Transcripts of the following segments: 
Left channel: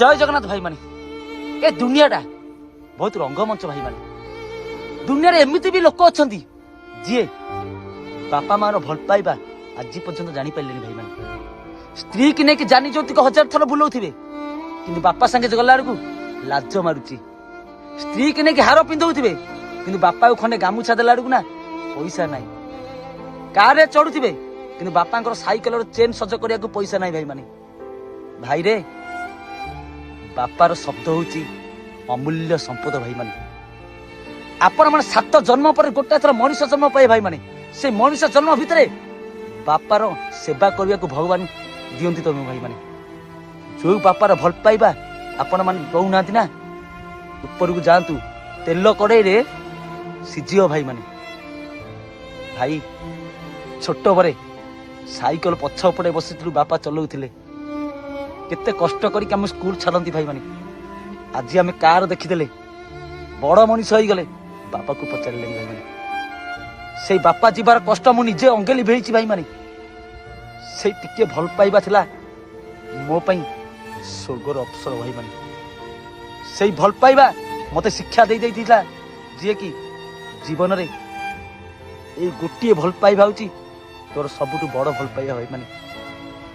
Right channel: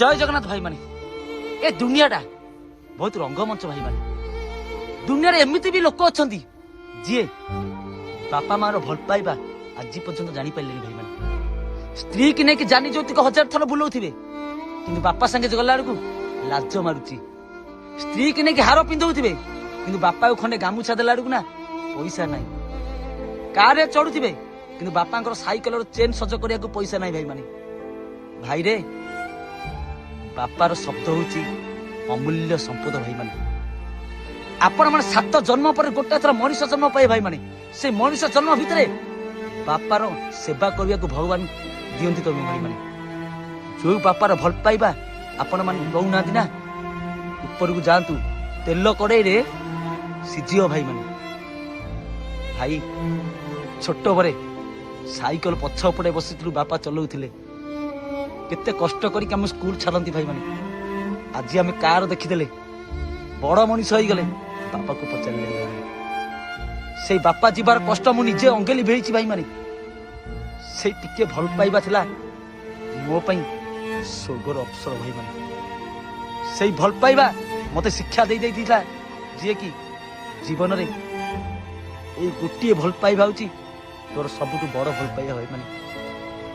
जय जगन्नाथ भाई माने ए दुनियाटा बहुत रंगमंच भाई माने दुनिया एमती भी लोक अच्छा जी बापा मार भल पाइबा आज पर्यंत जानी पारे भाई माने स्त्री की नहीं जानी जो तुक 1000 थर बुलाऊे कि बापा संगे गला बेलू लाज मारुची स्त्री की नहीं हार पिंधुवे कि बापा को खंडे गामुछा देला बेलू ना पैसा ना कार चढ़ुवे कि बापा साइकेल चेन सज करने को पैसा ना भाई माने भाई रे बापार शब्द हूँ अमूल्य संपद भाई माने आपण मैंने 7 जन्म पर गोटा थर मनुष्य जन्म पाए भाई माने से मनुष्य जन्म भितर बापार सेवा करने को भगवान दियंती तो भाई माने जो बापार भल पाइबा आपण मान कहूना ना ऊपर को जातु तेल कड़े रे सीझियो भाई माने भाई छोट बरे साइकेल पछपटे बसी बापा चलाउथिले केते कष्ट करिक हम स्कूल छाड़ती भाई माने आज आम कार देखीदे बड़ मनीष हो गले बापा को पचारे से बापा जीवार कष्ट मु निजे अंगेली भेजी भाई माने से टिके भल पाइबा थिला मो पई स्वर्गर अवसर भाई माने से भल पाइबा मते शिक्षा दे देइथिला जे कि जीवन रे ए गोटिए भल पाइबा होची तोर सबुटु बड़ भल पाइबा भाई माने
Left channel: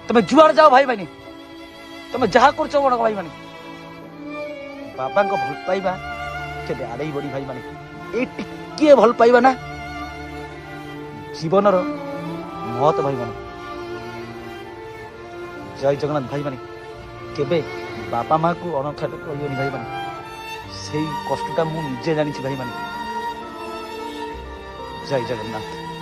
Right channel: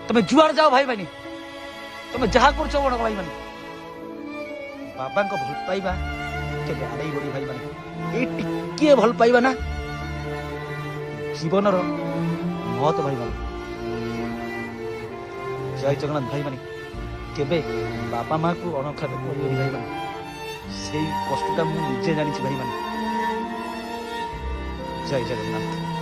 तमे जुआर जाओ भाई माने तमे जहा करछो बड़ भाई माने बाबा को भल पाइबा के आड़े बड़ी भाई माने ए टिके भल पाइबा ना जीवन रो महत भाई माने जय जगन्नाथ भाई माने केबे बापा माँ को अनक्षा भाई माने से कष्टा मुझे जानी भाई माने जय जगन्नाथ।